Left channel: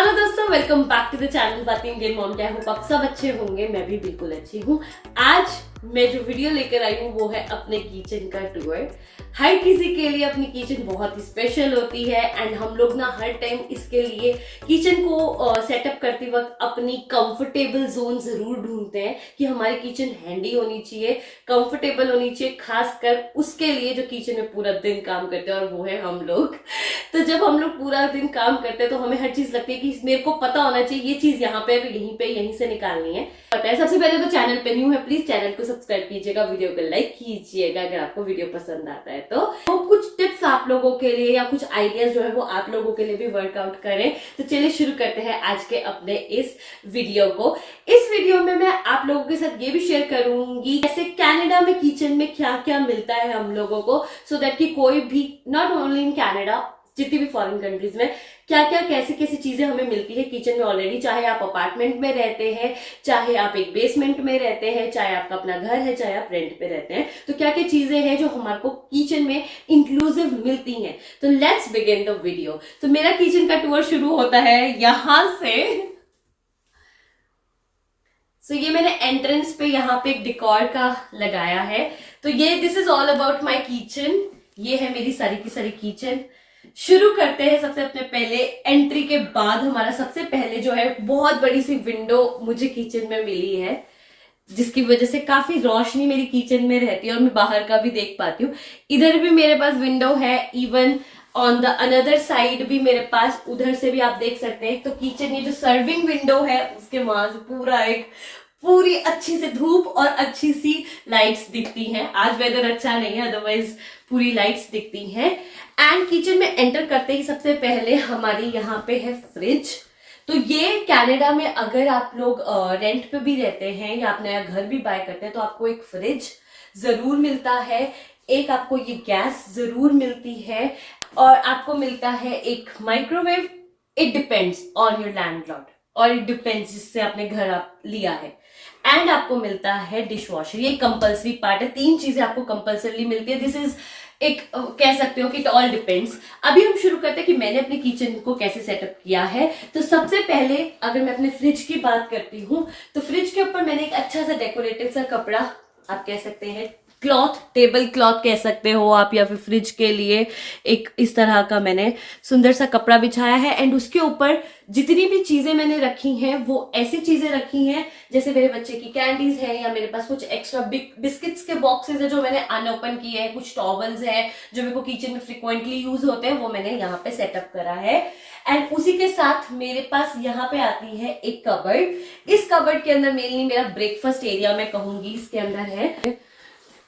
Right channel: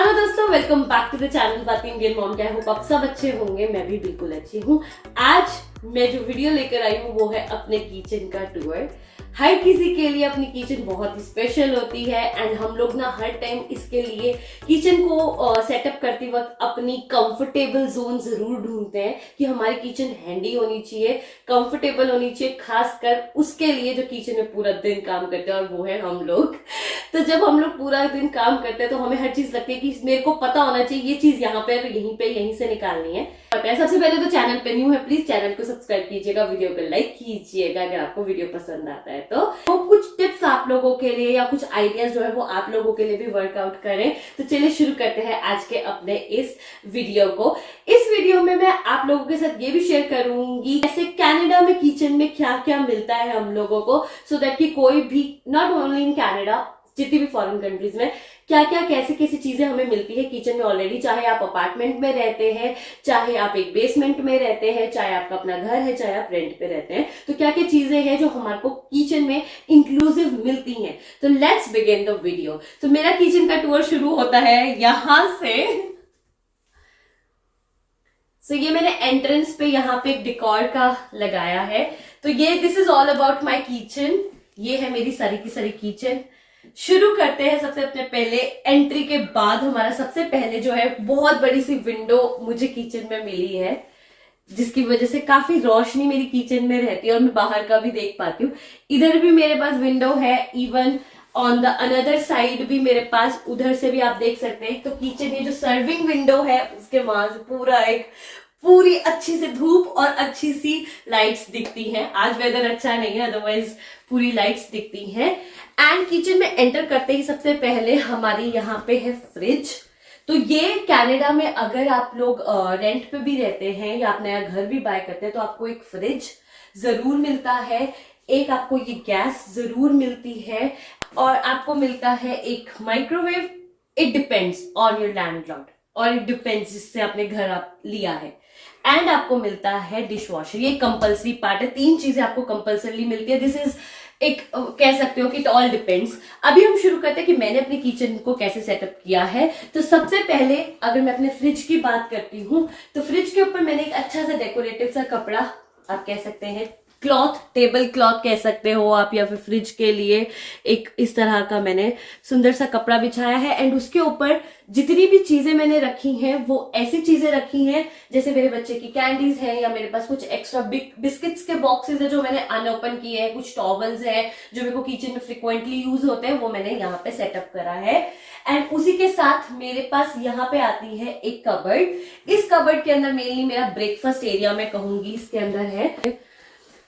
Hello दोस्तों, welcome back to the channel बातें Indian mom. क्या होप आप सब अच्छे होंगे, मैं भी बिल्कुल अच्छी हूँ। आज मैं जो वीडियो लेकर आई हूँ वो है अपने किचन का टूर। हर किसी के लिए अपनी किचन बहुत ही स्पेशल होती है एंड हम लोग ना हर टाइम इसके लिए किचन को सेटअप करते वक्त अपनी कंफर्टेबल जोन जरूर ढूंढते हैं कि हमारी किचन हैंडी होनी चाहिए, कंफर्टेबल होनी चाहिए, खासकर उसके लिए जो किचन में पूरा दिन काम करते हैं और वो है हम लोग। तो जब हम लोग पूरा दिन काम करते हैं तो हमें हर चीज लगती है कि मेरे को पता होना चाहिए ये चीज यहाँ पे यहीं पे यहीं से निकालनी है। पता है। सबसे पहले तो चैनल पे न्यू है, प्लीज चैनल को सब्सक्राइब कीजिएगा, वीडियो को लाइक कीजिएगा अगर आपको वीडियो पसंद आता है तो कुछ टिप्स आप लोगों के लिए या कुछ आइडियाज जो है वो आप लोगों के लिए भी वर्कआउट करें। तो चलिए शुरू करते हैं आज के अपने इस वीडियो को। इस वीडियो में मैं आप लोगों के साथ ये भी शेयर करूंगी जैसे कनाडा में किचन में क्या क्या मिलता है हम लोगों को, सो दैट कि कोई भी नॉट ओनली इन कनाडा, जितनी भी फॉरेन कंट्रीज में क्या क्या कैसी कैसी चीजें हमें मिलती है किचन में ऑलरेडी। चाहे आप अपार्टमेंट में रहते हैं, चाहे आप एक बेसमेंट में रहते हैं, चाहे आपका अपना घर है, चाहे आप रेंट पे रहते हैं, तो क्या क्या चीजें हैं जो हमारे को किचन में इंक्लूसिव मिलती हैं। तो लेट्स बिगिन द वीडियो। तो मेरा किचन का टूर शुरू होता है यहां से। तो ये मैंने एंट्रेंस पे यहाँ पे एक डेकोर का लगाया है। तो ये this is all about my kitchen. ये है मेरी सारी की सारी किचन। शुरू करते हैं सबसे अपने पहले एंट्री के बाद हमारा सबसे पहले जो है बहुत बड़ी सी विंडो मुझे किचन में मिली है, जिसकी वजह से काफी रोशनी मेरी किचन में रहती है और मैं बाहर का भी देख पाती हूँ। इधर भी मेरे पास विंडो है, even on the another side भी मेरे पास, उधर से भी आप देख सकते हैं। तो किचन ये जो सर्विंग विंडो है उसके वहां से पूरी अच्छी से धूप और अच्छी सी लाइट्स दिखती हैं। आज वेदर अच्छा नहीं है, अदरवाइज पूरी लाइट्स दिखती हैं। एंड किचन में एंटर करते ही सबसे पहले हमारी यहाँ पे है फ्रिज। तो ये कनाडा में अगर आप लोग रेंट पे भी रहते हैं या आप नया घर भी बाय करते हैं तो आपको एक फ्रिज जरूर मिलता है, एक आपको ये गैस जरूर मिलती है और आपको मिलता है एक microwave. It depends on your landlord और इट डिपेंड्स जिससे आपने घर आप लिया है। एंड आपको मिलता है डिश वॉशर, ये कंपल्सरी पार्ट है। 3 चीजें आपको कंपल्सरी मिलती है। दिस इज एक कह सकते हो कि इट ऑल डिपेंड्स। अभी हम शुरू करते हैं कि मैंने अपनी किचन को कैसे सेटअप किया है। तो सबसे पहले अगर मैं अपने फ्रिज की बात करती हूँ तो फ्रिज के ऊपर मैंने एक अच्छा सा डेकोरेटिव सा कपड़ा, आप कह सकते हैं क्लॉथ, टेबल क्लॉथ कह सकते हो आप, या फिर फ्रिज के लिए एक इस तरह का मैंने सुंदर सा कपड़ा बिछाया है। एंड उसके ऊपर जितनी भी चीजें मैंने रखी हैं वो ऐसी चीजें रखी हैं जैसे मेरे बच्चे की कैंडीज है, या मेरे पास कुछ एक्स्ट्रा बिस्किट्स के बॉक्सेस है जो मैंने अनओपन किए हैं, कुछ टॉवल्स है जो मेरे को किचन में फ्रिक्वेंटली यूज होते हैं, वो मैंने यहाँ पे सेटअप करा है। एंड उसी के साथ मेरे पास यहाँ पे आती है एक कबर्ड। इस कबर्ड के अंदर मेनली मेरा ब्रेकफास्ट एरिया मैं कहूंगी इसके अंदर है।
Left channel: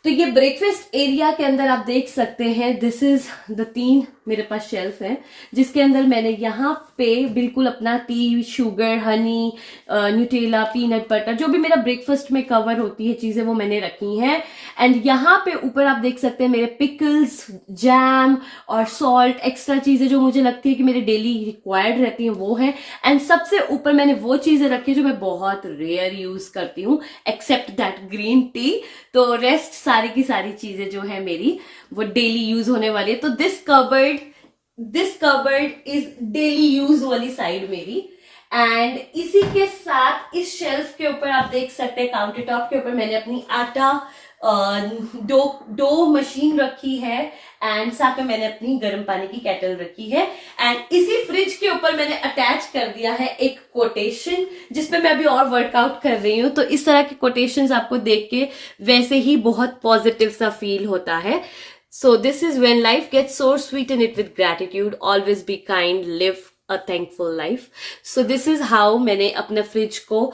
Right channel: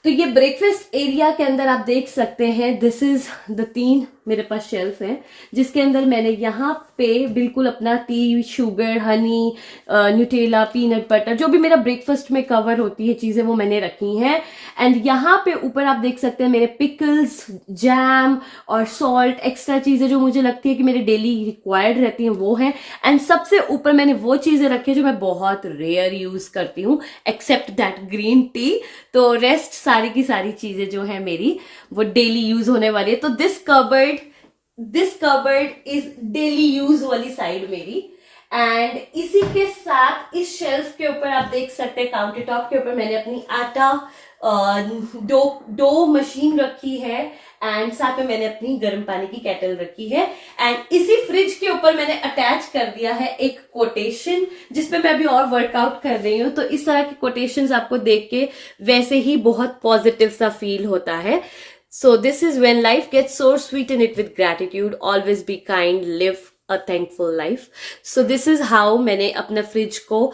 तो ये ब्रेकफास्ट एरिया के अंदर आप देख सकते हैं, दिस इज द 3 मेरे पास शेल्फ है जिसके अंदर मैंने यहाँ पे बिल्कुल अपना T, sugar, Honey, Nutella, peanut butter, जो भी मेरा ब्रेकफास्ट में कवर होती है चीजें वो मैंने रखी हैं। एंड यहाँ पे ऊपर आप देख सकते हैं मेरे पिकल्स, जैम और सॉल्ट, एक्स्ट्रा चीजें जो मुझे लगती है कि मेरे डेली रिक्वायर्ड रहती हैं वो है। एंड सबसे ऊपर मैंने वो चीजें रखी है जो मैं बहुत रेयर यूज करती हूँ, एक्सेप्ट दैट ग्रीन टी। तो रेस्ट सारी की सारी चीजें जो है मेरी वो डेली यूज होने वाली है। तो this cupboard is daily use वाली साइड मेरी। एंड इसी के साथ इस शेल्फ के ऊपर आप देख सकते हैं काउंटर टॉप के ऊपर मैंने अपनी आटा डो मशीन रखी है। एंड साथ में मैंने अपनी गर्म पानी की केटल रखी है। एंड इसी फ्रिज के ऊपर मैंने अटैच कर दिया है एक कोटेशन जिसपे मैं अभी और वर्कआउट कर रही हूँ। तो इस तरह की कोटेशंस आपको देख के वैसे ही बहुत पॉजिटिव सा फील होता है। So this is when life gets so sweeten it with gratitude, always be kind, live a thankful life. So this is how मैंने अपने फ्रिज को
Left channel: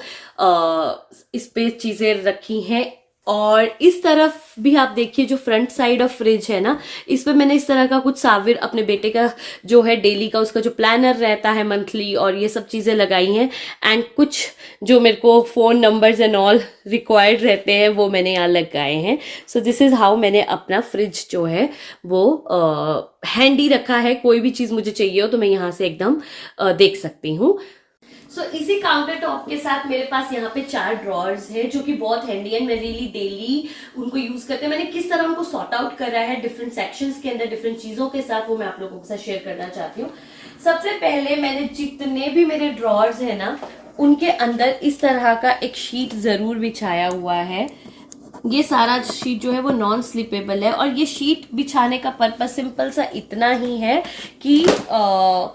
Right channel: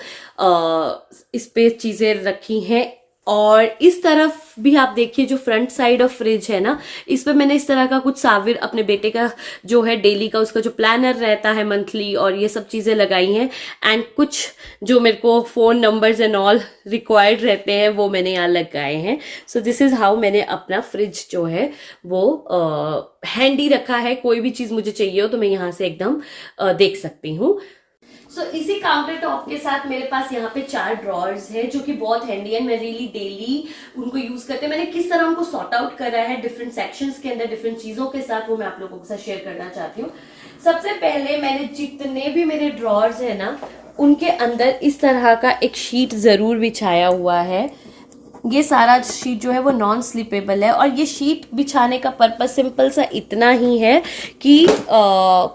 इस पे चीजें रखी हैं। और इस तरफ भी आप देखिए जो फ्रंट साइड ऑफ फ्रिज है ना, इस पे मैंने इस तरह का कुछ साविर अपने बेटे का जो है डेली का उसका जो प्लानर रहता है मंथली, और ये सब चीजें लगाई हैं। एंड कुछ जो मेरे को phone numbers and all required रहते हैं वो मैंने यहाँ लगाए हैं। सो दिस इज हाउ मैंने अपना फ्रिज जो है वो हैंडी रखा है। कोई भी चीज मुझे चाहिए हो तो मैं यहाँ से एकदम देख सकती हूँ। सो इसी काउंटर टॉप के साथ मेरे पास यहाँ पे 4 ड्रॉर्स है जो कि बहुत हैंडी है। मैं रियली डेली उनको यूज करते हैं। मैंने किस तरह उनको सॉर्ट आउट करा है डिफरेंट सेक्शंस के अंदर डिफरेंट चीजों के साथ, वो मैं आप लोगों के साथ शेयर करना चाहती हूँ। सबसे पहले मैंने जितने भी मेरे ड्रॉर्स है ना, उनके अंदर इस तरह का एक शीट जरूर बिछाया हुआ है। ये सारा शीट जो है वो नॉन स्लिपेबल है, और ये शीट बिछाने का पर्पस सिंपल सा इतना ही है कि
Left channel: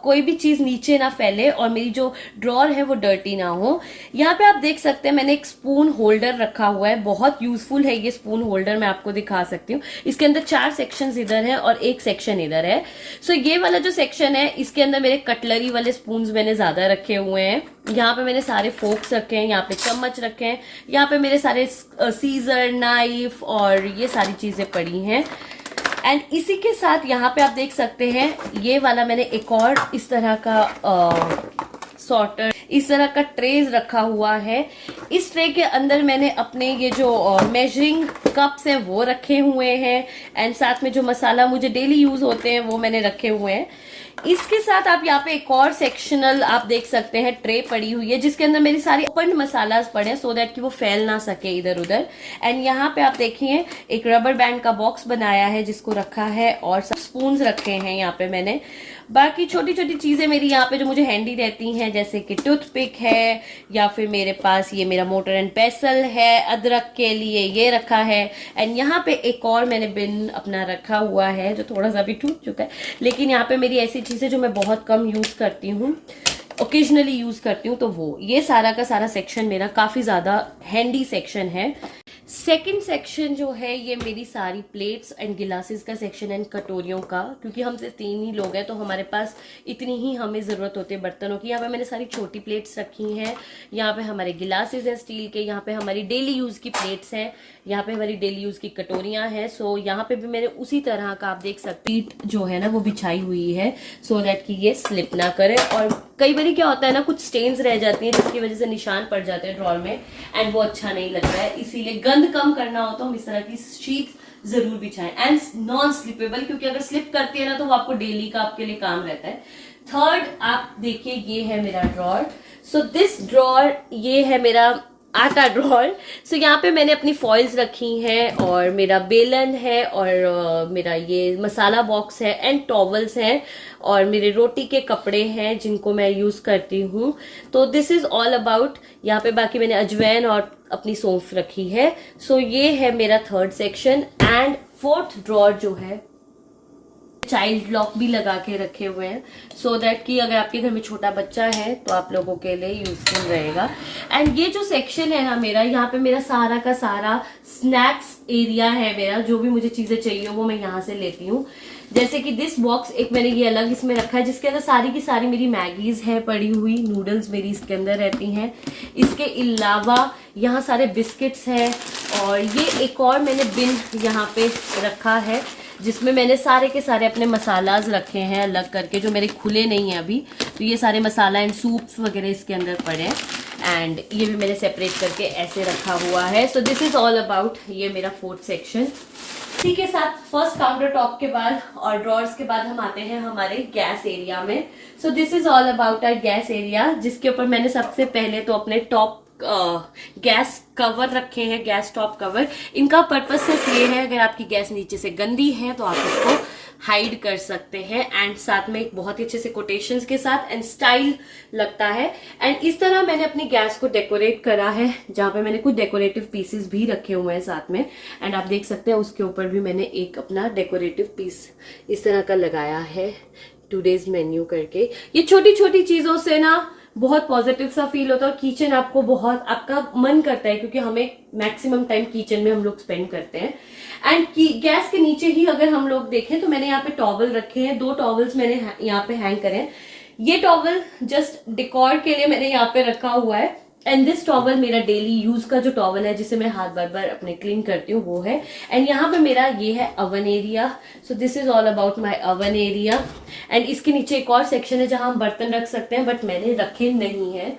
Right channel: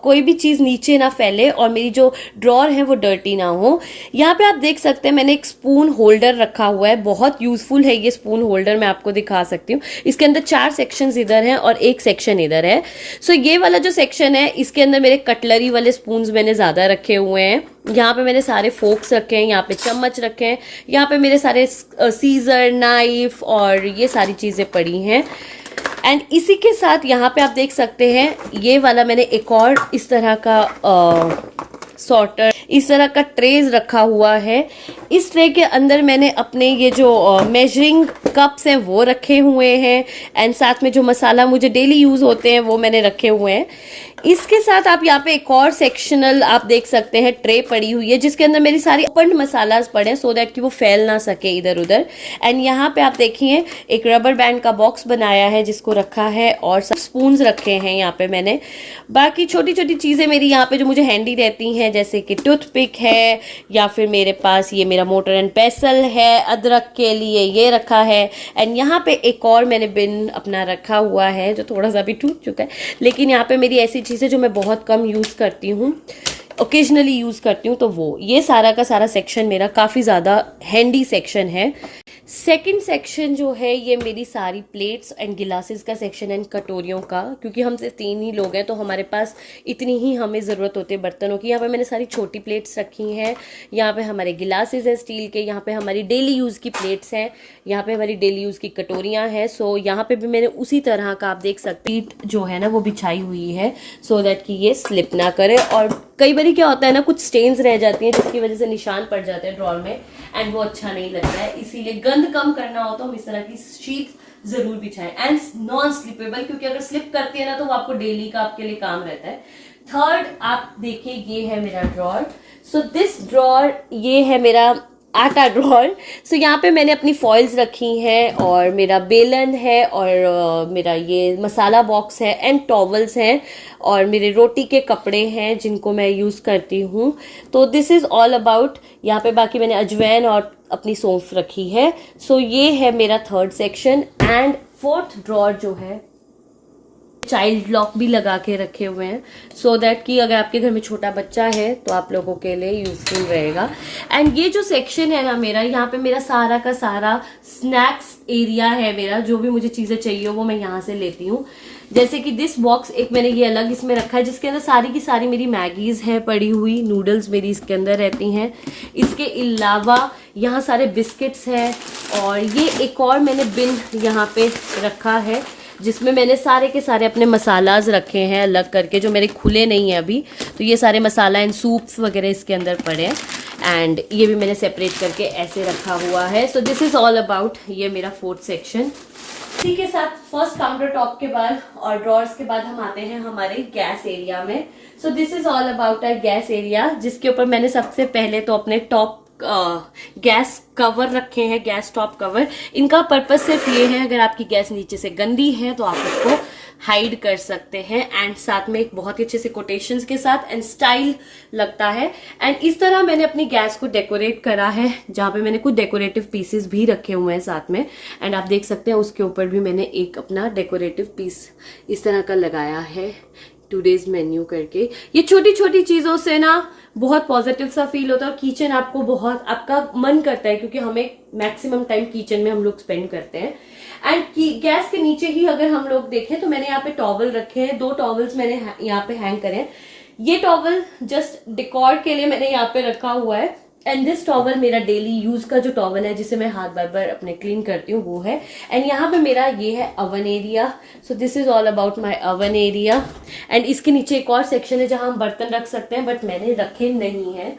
कोई भी चीज नीचे ना फैले और मेरी जो ड्रॉर है वो डर्टी ना हो। यहाँ पे आप देख सकते हैं मैंने एक स्पून होल्डर रखा हुआ है, बहुत यूजफुल है ये स्पून होल्डर, मैं आपको दिखा सकती हूँ। इसके अंदर 4 सेक्शन इधर है और 1 सेक्शन इधर है। सो ये वाला जो सेक्शन है इसके अंदर मेरे कटलरी वाले स्पून मैंने ज्यादा रखे हुए हैं। यहाँ पे मैंने सारे फोक्स रखे हैं, यहाँ पे चम्मच रखे हैं, यहाँ पे मेरे सारे सीजर, नाइफ और ये सारी चीजें पड़ी हैं। एंड इसी के साथ यहाँ पे आप देख सकते हैं ये वाला मैंने एक और इस तरह का सॉर्टर, इस तरह का ट्रेज रखा हुआ है। इस ट्रे के अंदर मैंने अपने ये जो मेजरिंग कप्स हैं वो रखे हुए हैं, एंड साथ में जो मसाला मुझे डेली यूज होते हैं वो मैंने रखे हुए हैं। इसके साथ आप यहाँ पे एक और सेक्शनल आप देख सकते हैं ट्रे पड़ी हुई है जिसके अंदर मेरी सारी ओपन मसालास पड़े हैं, सो दैट कि वो फैल ना सके इधर उधर। एंड यहाँ पे आप देखिए एक रबर बैंड का बॉक्स बनाया है जिसको रखा है, और सब स्पून्स रखे हैं यहाँ पे मैंने। बाकी छोटी छोटी चीजें मेरी यहाँ पे जो मुझे हैंडी रहती हैं, जैसे कि टूथपिक है, या फिर मेरे पास ये मेरा मोटर एंड पेसल है, अदरक के लिए ये रखा है। एंड यहाँ पे एक और मैंने बिन अपना रखा हुआ है जो थोड़ा सा भी टूट चुका है, लेकिन यहाँ पे मेरी ऐसी चीजें जो मैं बहुत कम यूज करती हूँ, ओकेजनली यूज करती हूँ, तो वो ये सारा का सारा सेक्शन मेरा काफी ज्यादा हैंडी सेक्शन है। सेकंड सेक्शन जो है ये मेरी सारी प्लेट्स एंड गिलासेस का सेक्शन एंड कटोरियों का, क्योंकि हम सिर्फ 3 ही लोग हैं तो हमारे पास इतनी ही हमें ज़रूरत होती है बर्तनों की। यहाँ पे मैंने सारी छोटी प्लेट्स रखी हैं, यहाँ पे हमारे गिलासेस हैं स्टील के, यहाँ पे हमारी डेली यूज़ की प्लेट्स हैं, यहाँ पे हमारी डेली यूज़ की कटोरियाँ हैं। सो यहाँ पे भी मैंने उसी तरह का आप देख सकते हैं जो है ना वो बिछाई हुई है, सो दैट कि ये स्लिप ना करे। और कई बार क्या होता है ना, कुछ स्टेन्स रह जाती हैं जिसकी वजह से निशान पड़ जाते हैं ड्रॉर में, एंड वो अच्छा नहीं लगता है। इसीलिए गंद कम करना हो तो हम इस तरह की शीट जरूर बिछाएं, एंड नॉन स्लिपेबल, क्योंकि अगर स्लिप करती है ना तो वो आपको डेली का आपके लिए काम रहता है। थर्ड आप देखिए ये है मेरा ड्रॉर। सो दिस ड्रॉर ये है मेरा आटा ड्रॉर। सो यहाँ पे मैंने अपनी फॉइल्स रखी हैं, और मेरा बेलन है, और मेरा ये मसाला बॉक्स है, एंड टॉवल्स हैं, और मेरे रोटी के कपड़े हैं जिनको मैं यूज करती हूँ। तो दिस इज ऑल अबाउट। यहाँ पे बाकी मैंने अजवैन और अपनी सौंफ रखी है। सो ये है मेरा third section. And fourth drawer जो है चाइल्ड लॉक भी लगा के रखे हुए हैं, सो दैट कि अगर आपके घर में छोटा बच्चा है तो आप लोगों के लिए यूजफुल रहेगा। एंड ये जो सेक्शन है ना मेरा, यहाँ पे मेरा सारा का सारा स्नैक्स एरिया है मेरा, जो भी मुझे चीजें चाहिए वो मैं यहाँ से लेती हूँ। जैसे कि दिस बॉक्स एक मैंने ये अलग इसमें रखा है जिसके अंदर सारी की सारी मेरी मैगीज है पड़ी हुई, नूडल्स मेरी इसके अंदर रहती हैं। इसके अलावा यहाँ सारे बिस्किट्स हैं, और ये एक और मैंने बिन यहाँ पे रखा है जिसमें मैंने सारे के सारे अपने मसालाज रखे हैं अलग करके, जो मेरे खुले नहीं है अभी। तो ये सारे मसाला एंड सूप्स वगैरह इसके अंदर पड़े हैं, एंड ये भी मैंने सेपरेट करके ऐसे रखा हुआ है। So this is all about ये मेरा फोर्थ सेक्शन। इसी के साथ फर्स्ट काउंटर टॉप के बाद और ड्रॉर्स के बाद हम आते हैं हमारे गैस एरिया में। So this is all about our gas area, जिसके ऊपर मैंने सबसे पहले तो अपने टॉप गैस कवर रखे हैं, गैस टॉप कवर। इनका पर्पस सिर्फ ये है, अगर आपकी गैस नीचे से गंदी है तो आप उसको हाइड कर सकते हैं, एंड साथ में एक बहुत ही अच्छे से कोटेशंस के साथ एंड स्टाइल लगता है। एंड इस तरह मैंने अपनी गैस को डेकोरेट करा है, जहां पे मैंने कुछ डेकोरेटिव पीसेस भी रखे हुए हैं साथ में, एंड आप देख सकते हैं उसके ऊपर भी मैंने एक अपना डेकोरेटिव पीस इस तरह का लगाया है, टुडेज मेन्यू करके। ये छोटी छोटी चीजों से ना बहुत पॉजिटिव सा फील होता है, और किचन आपको बहुत आपका मन करता है, क्योंकि हमें मैक्सिमम टाइम किचन में हम लोग स्पेंड करते हैं। एंड गैस के नीचे ही अगर हम लोग देखें तो मैंने यहाँ पे टॉवल रखे हैं, 2 टॉवल्स मैंने यहाँ पे हैंग करे हैं। ये टॉवल जस्ट डेकोर के लिए मैंने यहाँ पे रखा हुआ है, एंड दिस टॉवल मेरा डेली यूज का जो टॉवल है जिसे मैं हाथ बार बार अपने क्लीन करती हूँ वो है। एंड यहाँ पे मेरा ये है oven area. So this is all about my oven area. And इसके नीचे एक और सेक्शन है जहां हम बर्तन रख सकते हैं, बट मैंने रखे नहीं है।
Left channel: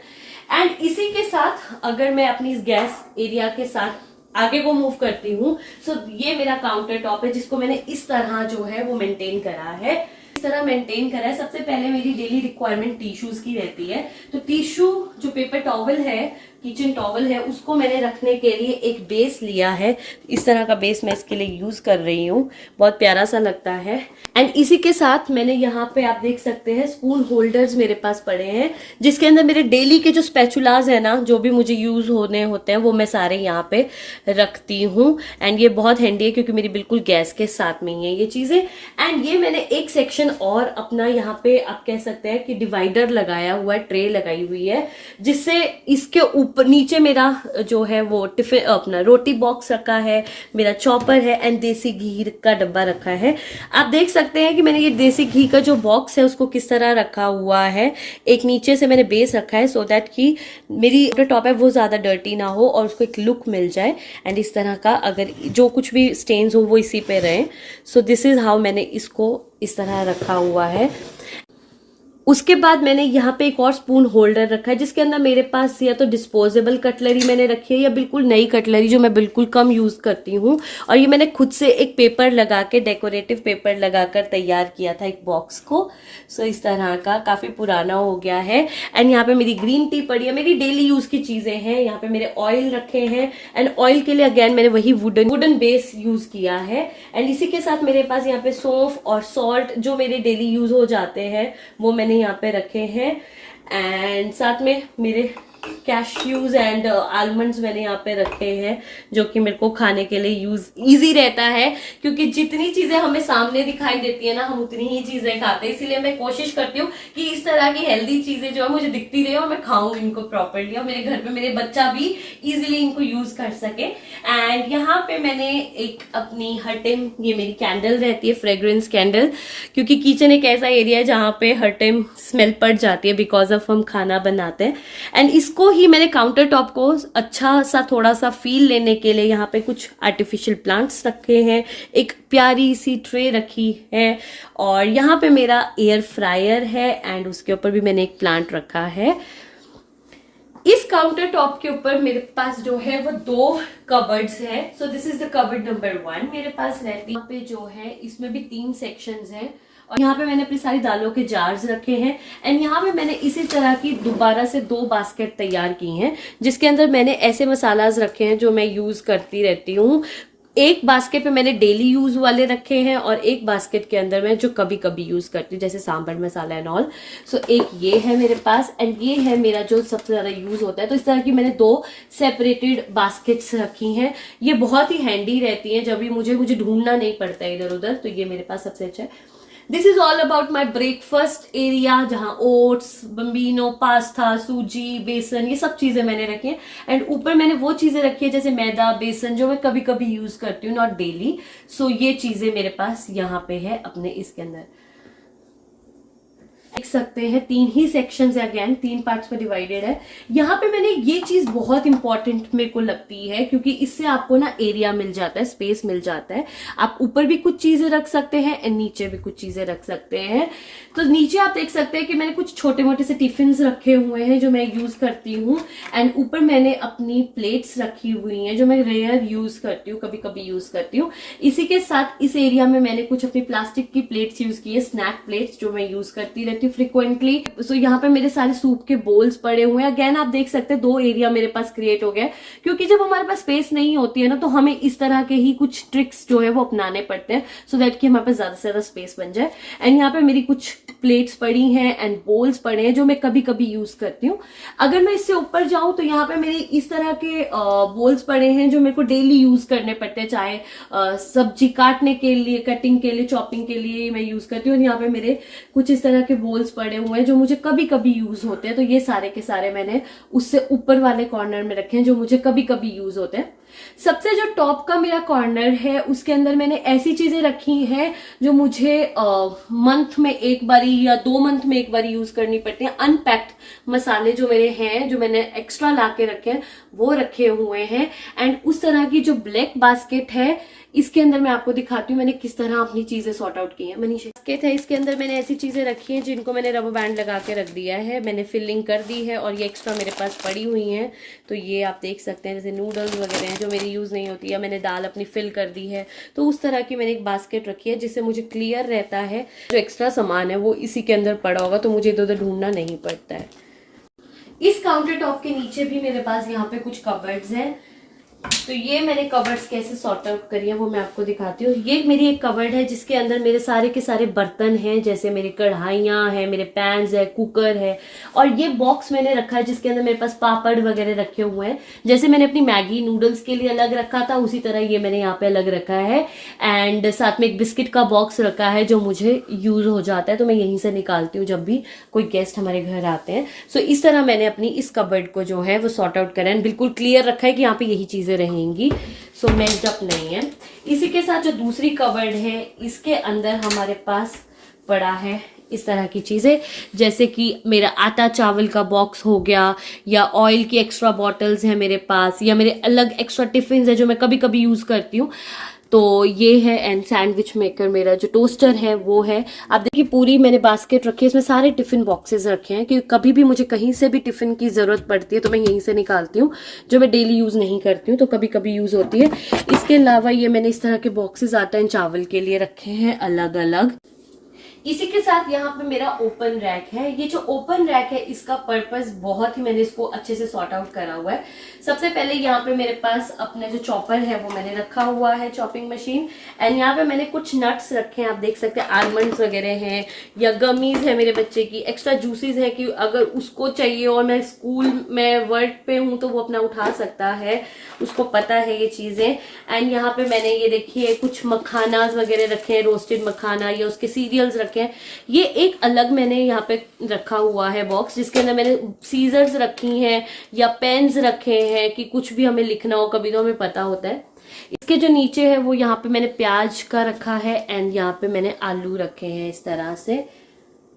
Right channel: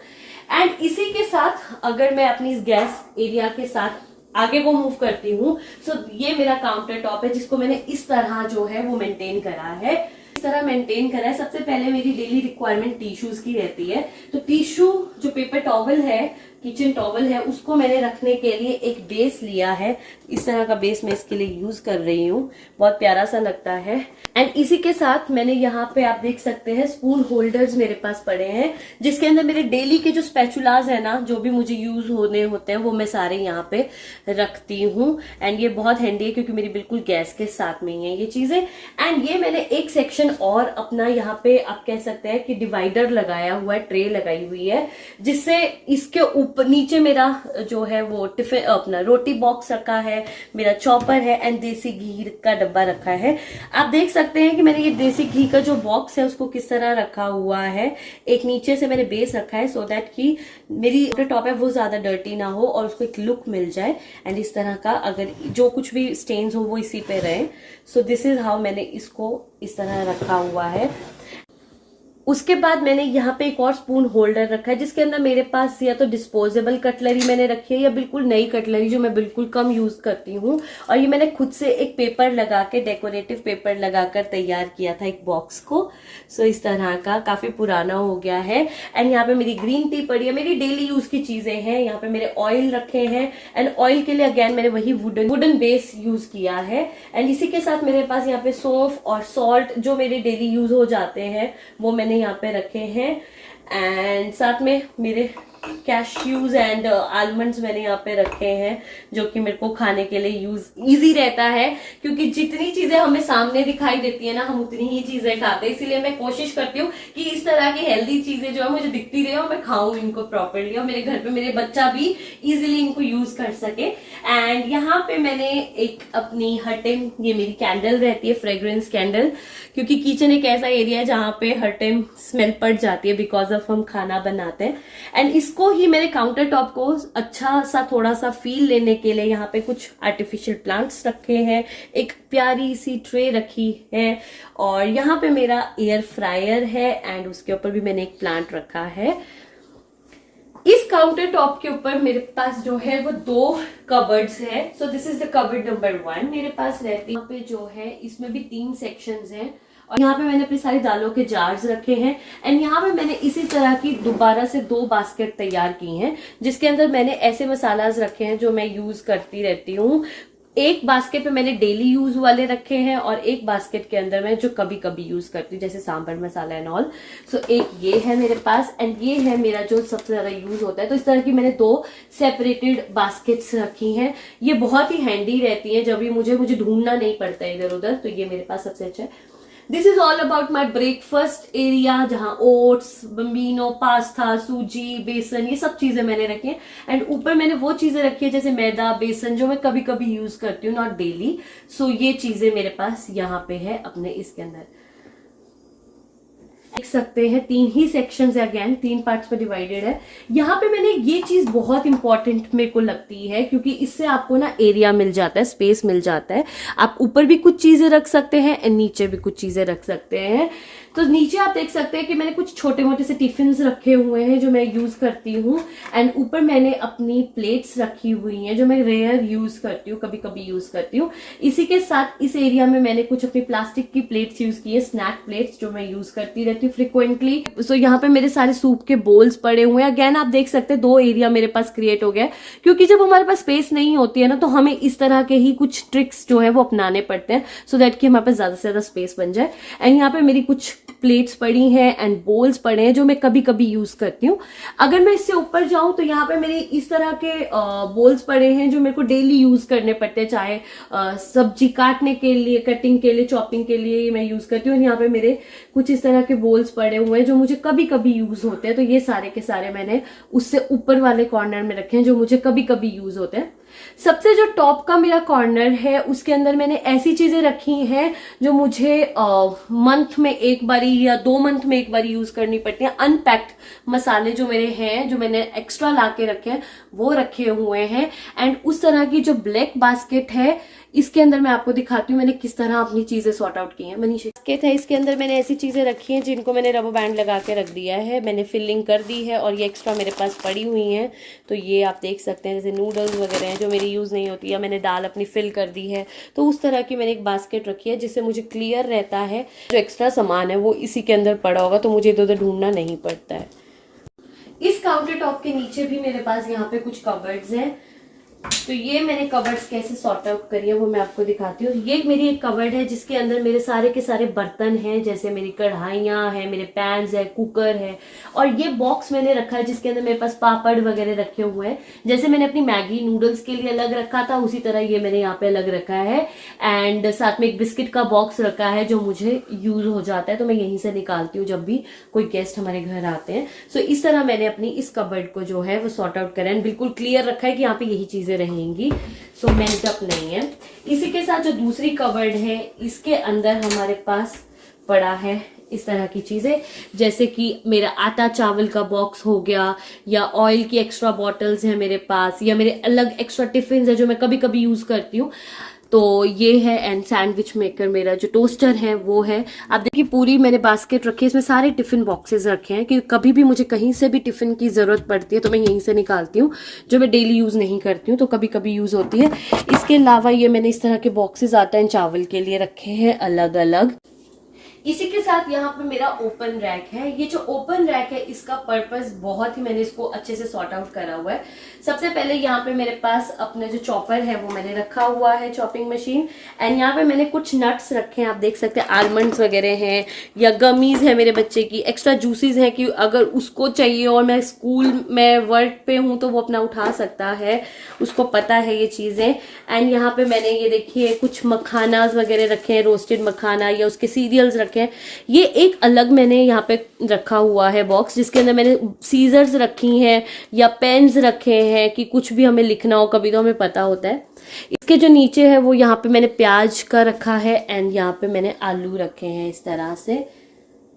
एंड इसी के साथ अगर मैं अपनी इस गैस एरिया के साथ आगे को मूव करती हूँ, सो ये मेरा काउंटर टॉप है जिसको मैंने इस तरह जो है वो मेंटेन करा है। इस तरह मेंटेन करा है। सबसे पहले मेरी डेली रिक्वायरमेंट टिश्यूज की रहती है, तो टिश्यू जो पेपर टॉवल है, किचन टॉवल है, उसको मैंने रखने के लिए एक बेस लिया है। इस तरह का बेस मैं इसके लिए यूज कर रही हूँ, बहुत प्यारा सा लगता है। एंड इसी के साथ मैंने यहाँ पे आप देख सकते हैं स्पून होल्डर्स मेरे पास पड़े हैं, जिसके अंदर मेरे डेली के जो स्पैचुलाज है ना, जो भी मुझे यूज होने होते हैं, वो मैं सारे यहाँ पे रखती हूँ। एंड ये बहुत हैंडी है क्योंकि मेरी बिल्कुल गैस के साथ में ही है ये चीजें। एंड ये मैंने एक सेक्शन और अपना यहाँ पे आप कह सकते हैं कि डिवाइडर लगाया हुआ है, ट्रे लगाई हुई है, जिससे इसके ऊपर नीचे मेरा जो है वो टिफिन अपना रोटी बॉक्स रखा है, मेरा चॉपर है एंड देसी घी का डब्बा रखा है। आप देख सकते हैं कि मैंने ये देसी घी का जो बॉक्स है उसको किस तरह रखा हुआ है। एक नीचे से मैंने बेस रखा है सो दैट कि मेरी टॉप है वो ज्यादा डर्टी ना हो और उसको एक लुक मिल जाए। एंड इस तरह का अगर जो कुछ भी स्टेन्स हो वो इसी पे रहे। सो दिस इज हाउ मैंने इसको इस तरह रखा हुआ है। उसके बाद मैंने यहाँ पे एक और स्पून होल्डर रखा है, जिसके अंदर मेरे पास या तो डिस्पोजेबल कटलरी मैंने रखी है या बिल्कुल नई कटलरी जो मैं बिल्कुल कम यूज करती हूँ। और ये मैंने खुद से एक पेपर लगा के, डेकोरेटिव पेपर लगाकर तैयार किया था एक बॉक्स को। सो इस तरह का काफी पुराना हो गया है। एंड यहाँ पे मेरी ग्रीन टी पड़ी है, मेरी डेली यूज की चीजें हैं। यहाँ पे मेरे ऑयल रखे हैं एंड ऑयल के लिए अगेन मैंने वही वुडन बेस यूज किया है। एंड इसी के साथ मेरे पास यहाँ पे सौंफ और सॉल्ट जो मेरे डेली यूज हो जाते हैं वो मैंने यहाँ पे रखे हैं। एंड साथ में मेरे कैश्यूज एंड आलमंड्स मैंने यहाँ पे रखे हैं, जो कि मेरे को खाने के लिए यूज इजी रहता है, क्योंकि जितनी चीजें हमें सामने दिखाई देती है ना, हम उतनी ही चीजें खाते हैं। इसीलिए मैं कोशिश करती हूँ कि इस तरह की हेल्दी चीजें जो है मुझे दिखती रहे और मैं खाऊं इनको प्रॉपरली, और मेरे घर पे मेरे बच्चा भी इजिली इनको यूज कर सके। एंड यहाँ पे मैंने एक अपनी हर टाइम ये मेरी कैंडल रहती है, फ्रेग्रेंस कैंडल, क्योंकि किचन एक ऐसा एरिया है जहाँ पे हर टाइम स्मेल पड़ जाती है बिकॉज ऑफ हम खाना बनाते हैं। एंड इसको ही मैंने काउंटर टॉप को अच्छा सा थोड़ा सा फील लेने के लिए यहाँ पे कुछ आर्टिफिशियल प्लांट्स रखे हैं, एक प्यारी सी ट्रे रखी है, और यहाँ पे मेरा एयर फ्रायर है एंड उसके ऊपर भी मैंने एक प्लांट रखा है। इस काउंटर टॉप के ऊपर मेरे पास जो है वो 2 कबर्ड्स है। So this is the cupboard number 1 मेरे पास रहती है। यहाँ पे जो है इसमें भी 3 सेक्शंस हैं, और यहाँ पे मैंने अपनी सारी दालों के जार्स रखे हैं। एंड यहाँ पे मैंने इसी तरह की दोबारा से 2 बास्केट तैयार की हैं, जिसके अंदर मैंने ऐसे मसालाज रखे हैं जो मैं यूज करती रहती हूँ। एक बास्केट में मैंने डेली यूज वाले रखे हैं और एक बास्केट के अंदर मैं जो कभी कभी यूज करती हूँ, जैसे सांभर मसाला एंड ऑल। सो एक ये है मेरे पास एंड ये है मेरा जो सबसे ज्यादा यूज होता है। तो इस तरह की मैंने 2 सेपरेटेड बास्केट्स रखी हैं। ये बहुत ही हैंडी रहती है, जब भी मुझे ढूंढना नहीं पड़ता इधर उधर, तो ये मेरे पास सबसे अच्छा है। This is all about my breakfast area, जहां ओट्स, बम्बिनो, पास्ता, सूजी, बेसन, ये सब चीजें मैंने रखी है। एंड ऊपर मैंने वो चीजें रखी है जैसे मैदा, बेसन, जो मैं कभी कभी यूज करती हूँ, नॉट डेली। सो ये चीजें मेरे पास यहाँ पे है अपने इसके अंदर। देख सकते हैं 3 ही सेक्शंस है, अगेन 3 पार्ट्स में डिवाइडेड है। यहाँ पे मैंने ये चीज बहुत इंपॉर्टेंट मेरे को लगती है, क्योंकि इससे आपको ना एरिया मिल जाता है, स्पेस मिल जाता है। आप ऊपर भी कुछ चीजें रख सकते हैं एंड नीचे भी कुछ चीजें रख सकते हैं। तो नीचे आप देख सकते हैं कि मैंने कुछ छोटे मोटे से टिफिन रखे हुए हैं जो मैं यूज करती हूँ। एंड ऊपर मैंने अपनी प्लेट्स रखी हुई हैं जो मैं रेयर यूज करती हूँ, कभी कभी यूज करती हूँ। इसी के साथ इस एरिया में मैंने कुछ अपनी प्लास्टिक की प्लेट्स यूज की है, स्नैक प्लेट्स, जो मैं यूज करती रहती हूँ फ्रिक्वेंटली। सो यहाँ पे मेरे सारे सूप के बोल्स पड़े हुए हैं। अगेन आप देख सकते हैं 2 एरिया मेरे पास क्रिएट हो गया है, क्योंकि जब हमारे पास स्पेस नहीं होती है ना, तो हमें इस तरह के ही कुछ ट्रिक्स जो है वो अपनाने पड़ते हैं, सो दैट कि हमारे पास ज्यादा से ज्यादा स्पेस बन जाए। एंड यहाँ पे मेरी कुछ प्लेट्स पड़ी हैं एंड बोल्स पड़े हैं जो मैं कभी कभी यूज करती हूँ। अगर मैं इससे ऊपर जाऊं तो यहाँ पे मेरे इस तरह के बोल्स पड़े हैं जो मेरे को डेली यूज करने पड़ते हैं, चाहे सब्जी काटने के लिए, कटिंग के लिए, चॉपिंग के लिए मैं यूज करती हूँ। और यहाँ पे मेरे कुछ इस तरह के बोल्स पड़े हुए हैं जो मुझे कभी कभी यूज होते हैं। तो ये सारे के सारे मैंने उससे ऊपर वाले कॉर्नर में रखे हैं जो मुझे कभी कभी यूज होते हैं। सबसे जो टॉप का मेरा कॉर्नर है उसके अंदर मैंने ऐसी चीजें रखी हैं जो मुझे मंथ में एक बारी या 2 मंथ में एक बारी यूज करनी पड़ती हैं। अनपैक्ड मसाले जो मेरे हैं, जो मैंने एक्स्ट्रा लाके रखे हैं, वो रखे हुए हैं। एंड उस तरह की जो ब्लैक बास्केट है, इसके अंदर मैं आपको दिखाती हूँ मैंने किस तरह अपनी चीजें सॉर्ट आउट की हैं। मनीषा बास्केट है, इसके अंदर मैंने ऐसी चीजें रखी हैं जिनको मैंने रबर बैंड लगा के रख दिया है, मैंने फिलिंग कर दी है और ये एक्स्ट्रा मेरे पास पड़ी हुई हैं। तो ये आप देख सकते हैं, जैसे नूडल्स वगैरह हैं जो मेरी यूज नहीं होती, या मैंने दाल अपनी फिल कर दी है, तो उस तरह की मैंने एक बास्केट रखी है जिससे मुझे क्लियर रहता है जो एक्स्ट्रा सामान है वो इसी के अंदर पड़ा होगा, तो मुझे इधर उधर ढूंढना नहीं पड़ता है। इस काउंटर टॉप के नीचे भी मेरे पास यहाँ पे कुछ कबर्ड्स हैं, तो ये मैंने कबर्ड्स कैसे सॉर्ट आउट करी है वो मैं आपको दिखाती हूँ। ये मेरी एक कबर्ड है जिसके अंदर मेरे सारे के सारे बर्तन हैं, जैसे मेरी कढ़ाइयाँ हैं, मेरे पैन्स है, कुकर है, और ये बॉक्स मैंने रखा है जिसके अंदर मेरे पास पापड़ वगैरह रखे हुए हैं। जैसे मैंने अपनी मैगी नूडल्स के लिए अलग रखा था उसी तरह ये मैंने यहाँ पे अलग रखा है, एंड साथ में एक बिस्किट का बॉक्स रखा है जो मुझे यूज हो जाता है, तो मैं यहीं से निकालती हूँ जब भी कोई गेस्ट हमारे घर आते हैं। सो इस तरह मैंने अपनी इस कबर्ड को जो है वो सॉर्ट आउट करा है, बिल्कुल क्लियर रखा है कि यहाँ पे यही चीजें रहेंगी, सो मेस्ड अप नहीं है। इसी के साथ जो दूसरी कबर्ड है इसके अंदर हमारे पास पड़ा है इस तरह की चीजें, जैसे कि मेरा आटा चावल का बॉक्स हो गया, या ऑयल की एक्स्ट्रा बॉटल्स हैं मेरे पास, या मेरे अलग एक्स्ट्रा टिफिन है जो मैं कभी कभी यूज करती हूँ, तो ये है। एंड सैंडविच मेकर, मेरा जो टोस्टर है वो है। आप देखिए पूरी मैंने बास्केट रखी है, इसमें सारे टिफिन बॉक्सेस रखे हैं कि कभी भी मुझे कहीं से भी टिफिन की जरूरत पड़ती है तो मैं यहीं से निकालती हूँ, जो मैं डेली यूज नहीं करती हूँ तो कभी कभी यूज होती है। इसके अलावा ये मैंने इस तरह के बॉक्सेस आटा एंड चावल के लिए रखे हैं अलग अलग। इसी के साथ यहाँ पे मेरा ओपन रैक है। ये जो ओपन रैक है इसका पर्पस बहुत ही, मैंने इसको अच्छे से सॉर्ट आउट करा हुआ है। सबसे पहले यहाँ पे मेरे पास अपना जो चॉपर है वो मैंने रखा हुआ है, चॉपिंग मशीन, एंड यहाँ पे मैंने कुछ नट्स रखे हैं, आप देख सकते हैं आलमंड्स वगैरह हैं, या गमीज है मेरे बच्चे की, एक्स्ट्रा जूसेस है कि अगर उसको चाहिए और मैं स्कूल में वर्क पे हूँ तो वो अपना उठा सकता है, उसको पता है ये चीजें। एंड यहाँ पे मैंने ये देखिए कुछ मखाना वगैरह रखे हैं, रोस्टेड मखाना या उसके सीरियल्स रखे हैं। ये एक अलग मैंने यहाँ पे रखा हुआ है बॉक्स जिसके अंदर मैंने सीजर्स रखी हैं या पेन्स रखे हैं कि कुछ भी हमें लिखना हो कभी तो हमें पता होता है। इसके जो नीचे है वो यहाँ पे मैंने प्याज का रखा है, एंड यहाँ पे मैंने आलू रखे हैं इस तरह से।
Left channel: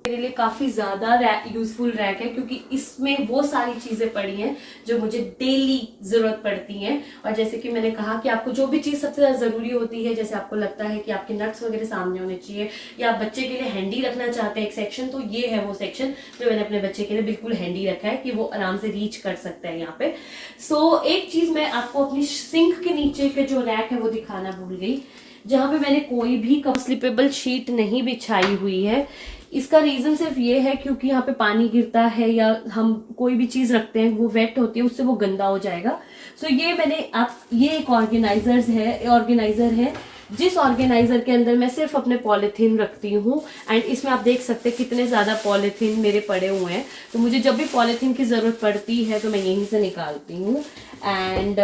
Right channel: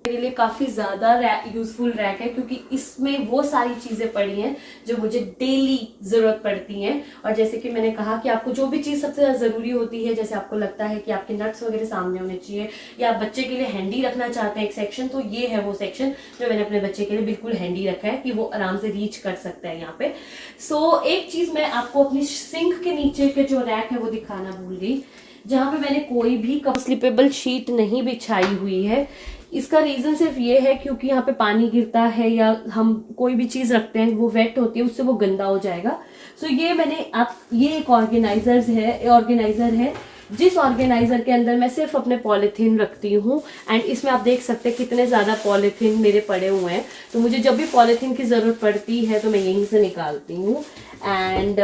मेरे लिए काफी ज्यादा यूजफुल रैक है क्योंकि इसमें वो सारी चीजें पड़ी हैं जो मुझे डेली जरूरत पड़ती हैं। और जैसे कि मैंने कहा कि आपको जो भी चीज सबसे ज्यादा जरूरी होती है, जैसे आपको लगता है कि आपके नट्स वगैरह सामने होने चाहिए, या आप बच्चे के लिए हैंडी रखना चाहते हैं एक सेक्शन, तो ये है वो सेक्शन जो मैंने अपने बच्चे के लिए बिल्कुल हैंडी रखा है कि वो आराम से रीच कर सकता है यहाँ पे। सो एक चीज मैं आपको अपनी सिंक के नीचे के जो रैक है वो दिखाना भूल गई, जहां पे मैंने कोई भी स्लिपेबल शीट नहीं बिछाई हुई है। इसका रीजन सिर्फ ये है क्योंकि यहाँ पे पानी गिरता है या हम कोई भी चीज रखते हैं वो वेट होती है, उससे वो गंदा हो जाएगा। सो ये मैंने ये एक ऑर्गेनाइजर है जिस ऑर्गेनाइजर के अंदर मैं सिर्फ अपने पॉलिथीन रखती हूँ। एंड इसमें आप देख सकते हैं कितने ज्यादा पॉलिथीन मेरे पड़े हुए हैं, तो मुझे जब भी पॉलिथीन की जरूरत पड़ती है तो मैं यहीं से निकालती हूँ। एंड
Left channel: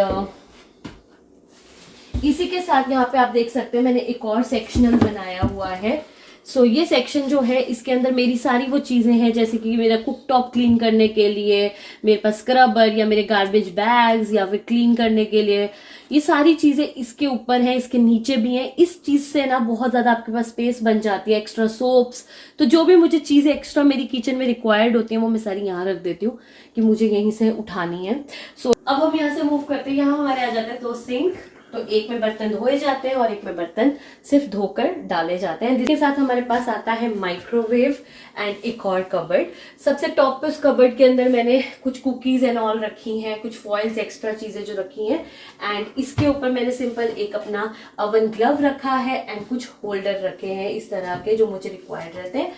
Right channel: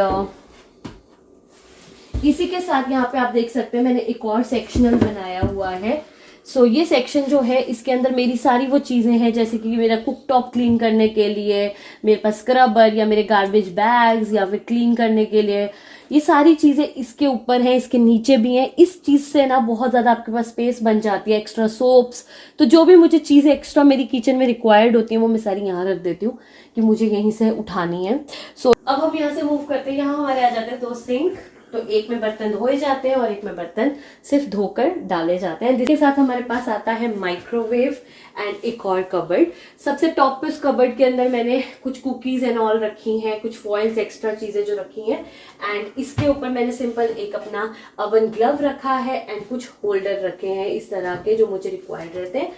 इसी के साथ यहाँ पे आप देख सकते हैं मैंने एक और सेक्शनल बनाया हुआ है। सो ये सेक्शन जो है इसके अंदर मेरी सारी वो चीजें हैं, जैसे कि मेरा कुक टॉप क्लीन करने के लिए मेरे पास स्क्रबर, या मेरे गार्बेज बैग्स, या फिर क्लीन करने के लिए, ये सारी चीजें इसके ऊपर हैं, इसके नीचे भी हैं। इस चीज से ना बहुत ज्यादा आपके पास स्पेस बन जाती है। एक्स्ट्रा सोप्स, तो जो भी मुझे चीजें एक्स्ट्रा मेरी किचन में रिक्वायर्ड होती हैं वो मैं सारी यहाँ रख देती हूँ कि मुझे यहीं से उठानी है। सो अब हम यहाँ से मूव करते हैं, यहाँ हमारे आ जाते हैं 2 सिंक, तो एक में बर्तन धोए जाते हैं और एक में बर्तन सिर्फ धोकर डाले जाते हैं। जिसके साथ हमारे पास आता है माइक्रोवेव एंड एक और कबर्ड। सबसे टॉप पे उस कबर्ड के अंदर मैंने कुछ कुकीज एंड ऑल रखी हैं, कुछ फॉइल्स एक्स्ट्रा चीजें जो रखी हैं। एंड इसके ऊपर मैंने सिंपल एक अपना ओवन ग्लव रखा है एंड कुछ होल्डर रखे हैं इस तरह के जो मुझे रिक्वायर्ड रहते हैं।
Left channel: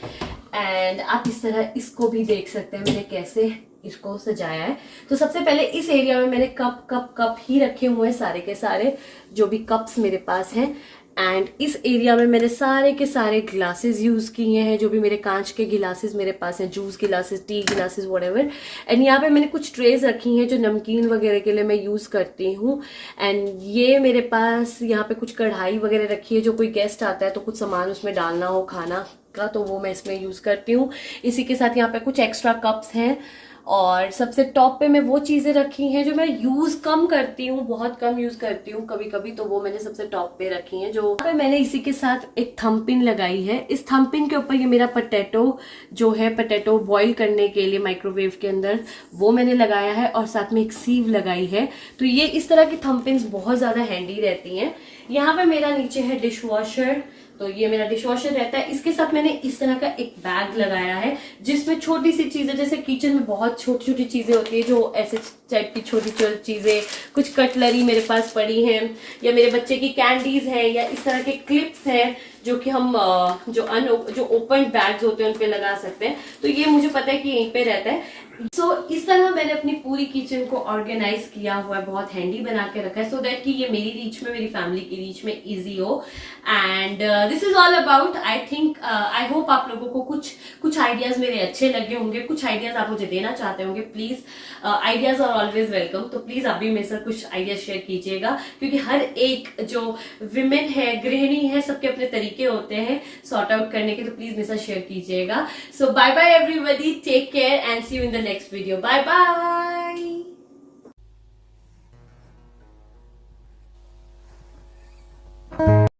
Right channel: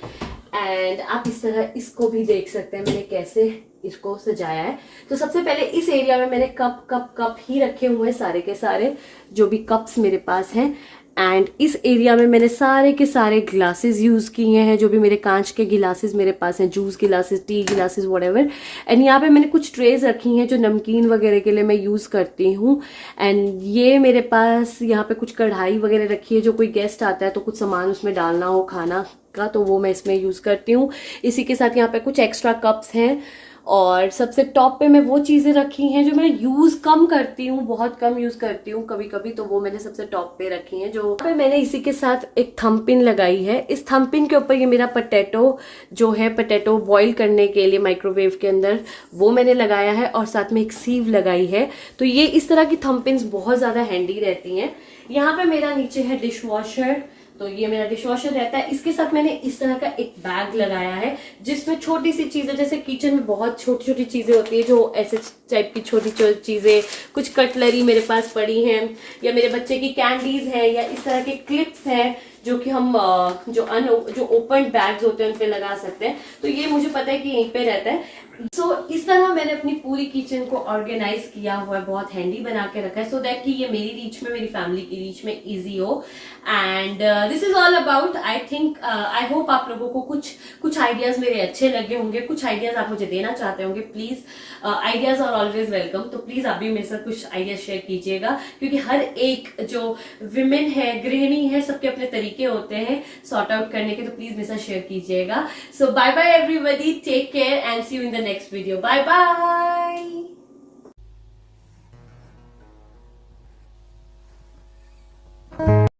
एंड आप इस तरह इसको भी देख सकते हैं मैंने कैसे इसको सजाया है। तो सबसे पहले इस एरिया में मैंने कप ही रखे हुए हैं, सारे के सारे जो भी कप्स मेरे पास हैं। एंड इस एरिया में मैंने सारे के सारे ग्लासेस यूज किए हैं, जो भी मेरे कांच के गिलासेस मेरे पास हैं, juice glasses, T glasses, whatever. And यहाँ पे मैंने कुछ ट्रेज रखी हैं जो नमकीन वगैरह के लिए मैं यूज करती हूँ। एंड ये मेरे पास यहाँ पे कुछ कढ़ाई वगैरह रखी है, जो कोई गेस्ट आता है तो कुछ सामान उसमें डालना हो खाना का, तो वो मैं इसमें यूज करती हूँ। इसी के साथ यहाँ पे कुछ एक्स्ट्रा कप्स हैं और सबसे टॉप पे मैं वो चीजें रखी हैं जो मैं यूज कम करती हूँ, बहुत कम यूज करती हूँ कभी कभी, तो वो मैंने सबसे टॉप पे रखी हैं। जो पे मैंने इसी के साथ एक थंब पिन लगाई है। इस थंब पिन के ऊपर ये मेरा पोटैटो जो है, पोटैटो बॉईल करने के लिए माइक्रोवेव के अंदर, वो मैंने लगाया है और साथ में एक सीव लगाई है। तो ये इस तरह की थंब पिन्स बहुत ज्यादा हैंडी रहती हैं। यहाँ पे मेरा नीचे है डिश वॉशर, तो ये मेरा डिश वॉशर रहता है। इसके साथ मैंने इस तरह का एक बैग लगाया है जिसमें छोटी सी चीजें, जैसे किचन में बहुत छोटी छोटी चीजें होती है, जो ऐसे टाइप की छोटी छोटी चीजें, कुछ कटलरी मेरे पास पड़ी हैं, या मेरे बच्चे की कैंडीज है, या इस तरह के क्लिप्स हैं जो कि हम जो ओपन बैग्स होते हैं उन पे लगा सकते हैं। तो ये मुझे पता है कि यहीं पे रहता है। इस तरह मैंने अपनी पूरी किचन को ऑर्गेनाइज किया हुआ है, बहुत हैंडी बना के रखा है, सो दैट कि ये मेरी रीच में, मेरी फैमिली की रीच में इजी हो। And this is all about, I think, I hope आप लोगों को कुछ आइडियाज मेरे अच्छे लगे होंगे, कुछ आइडियाज आप मुझे देना चाहते होंगे। Please, ideas are always welcome, तो प्लीज आप भी मेरे साथ कुछ आइडियाज शेयर कीजिएगा, क्योंकि हर एक जो विमेन है, गृहिणी है, सबके अपने तरीके होते हैं सॉर्ट आउट करने के, तो प्लीज मेरे साथ शेयर कीजिएगा। So bye bye everybody, take care and see you in the next video. Bye bye.